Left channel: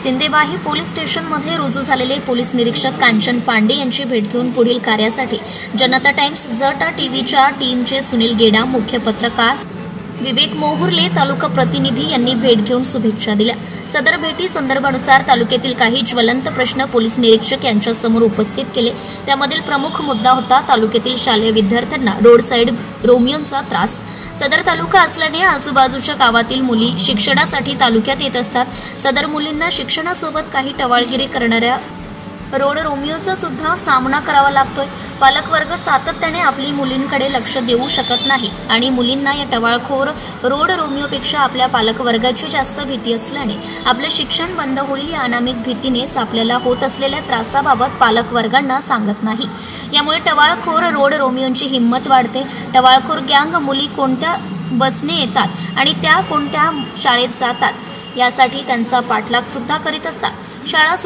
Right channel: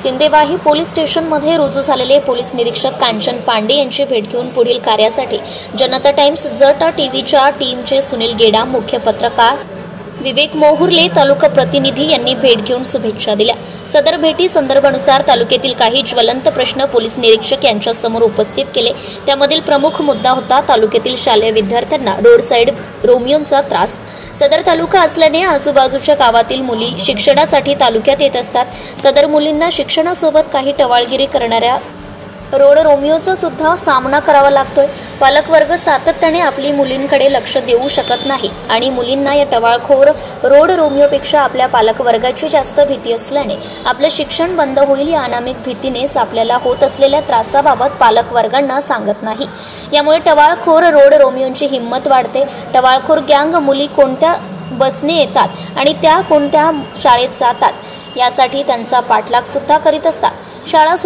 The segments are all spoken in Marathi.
सिंदेवाही पोलीस स्टेशनमध्ये रुजू झालेले पोलीस निरीक्षक कांचन पांडे यांची भेट घेऊन पुढील कार्यासाठी जनता टाइम्स जटा टीव्हीच्या टीमचे सुनील गेडा, मुख्य पत्रकार विवेक मोहुर्ले, तालुका प्रतिनिधी यांनी भेट घेऊन शुभेच्छा दिल्या। सदर भेटी संदर्भानुसार तालुक्यातील काही ज्वलंत प्रश्न पोलीस निरीक्षक यांच्या समोर उपस्थित केले। त्यामधील प्रमुख मुद्दा होता तालुक्यातील शालेय विद्यार्थ्यांना रोड साइड रोमियोंचा त्रास। सदर तालुका असल्याने आजूबाजूच्या गावातील मुली शिक्षणासाठी तालुक्यात येत असतात। सदर मुलींना शिक्षणासोबत काही टवाळगिरी करणाऱ्या रोड रोमियोचा सुद्धा सामना करावा लागतोय। पालकवर्ग सातत्याने आपली मुलींकडे लक्ष देऊ शकत नाही आणि मुलींना या टवाळखोर रोड रोमियोपेक्षा आपल्या पालकवर्गाची जास्त भीती असल्याने आपलं शिक्षण बंद होईल या अनामिक भीतीनेच आपल्याला होत असलेल्या त्रासाबाबत पालकवर्गांना सांगत नाही। यामुळे टवाळखोर रोड रोमियोंची हिंमत वाढते। टवाळखोर गँग मुली कोणत्या बसने येतात आणि त्या कोणत्या शाळेत जातात यासाठी त्यांचा पाठलाग सुद्धा करीत असतात। शाळा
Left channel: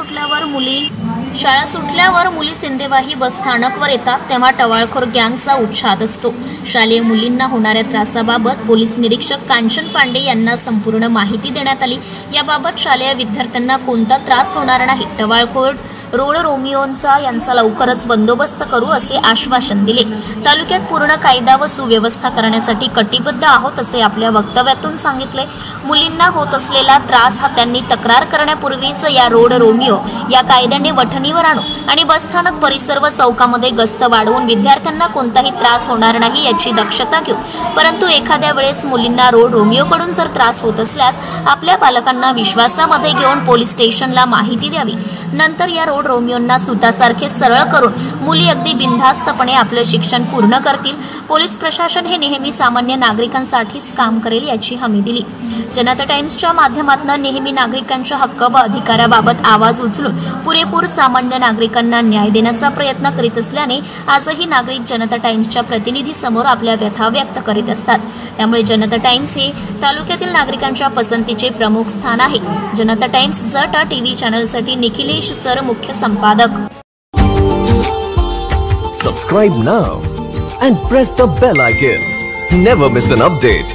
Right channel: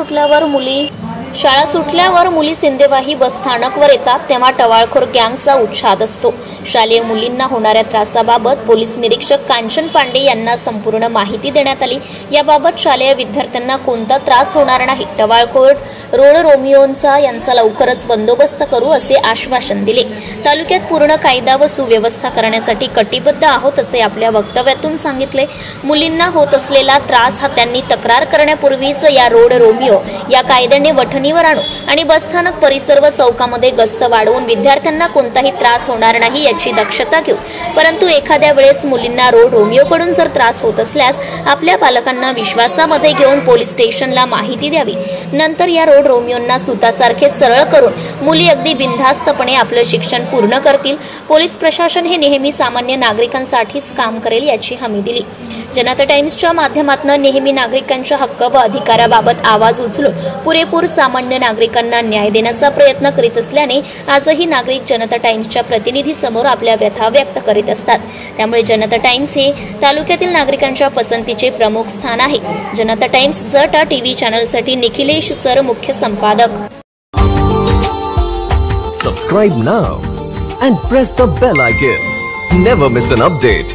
सुटल्यावर मुली सिंदेवाही बस स्थानकवर येतात तेव्हा टवाळखोर गँगचा उच्छाद असतो। शालेय मुलींना होणाऱ्या त्रासाबाबत पोलीस निरीक्षक कांचन पांडे यांना संपूर्ण माहिती देण्यात आली। याबाबत शालेय विद्यार्थ्यांना कोणता त्रास होणार नाही। टवाळखोर रोड रोमियोंचा यांचा लवकरच बंदोबस्त करू असे आश्वासन दिले। तालुक्यात पूर्ण कायदा व सुव्यवस्था करण्यासाठी कटिबद्ध आहोत असे आपल्या वक्तव्यातून सांगितले। मुलींना होत असलेला त्रास हा त्यांनी तक्रार करण्यापूर्वीच या रोड रोमियो या कायद्याने वठणीवर आणू आणि बसस्थानक परिसर व चौकामध्ये गस्त वाढवून विद्यार्थ्यांना कोणताही त्रास होणार नाही याची दक्षता घेऊ। परंतु एखाद्या वेळेस मुलींना रोड रोमियोकडून जर त्रास होत असल्यास आपल्या पालकांना विश्वासामध्ये घेऊन पोलीस स्टेशनला माहिती द्यावी। नंतर या रोड रोमियोंना सुतासारखे सरळ करून मुली अगदी बिनधास्तपणे आपलं शिक्षण पूर्ण करतील। पोलीस प्रशासन हे नेहमी सामान्य नागरिकांसाठीच काम करेल याची हमी दिली। जनता टाइम्सच्या माध्यमातून नेहमी नागरिकांच्या हक्क व अधिकाराबाबत आवाज उचलून पुरेपूर सामान्य नागरिकांना न्याय देण्याचा प्रयत्न करीत असल्याने आजही नागरिक जनता टाइम्सच्या प्रतिनिधी समोर आपल्या व्यथा व्यक्त करीत असतात। त्यामुळे जनता टाइम्स हे तालुक्यातील नागरिकांच्या पसंतीचे प्रमुख स्थान आहे। जनता टाइम्स जटा टीव्ही चॅनलसाठी निखिलेश सर, मुख्य संपादक। Subscribe now and press the bell icon. Never miss an update.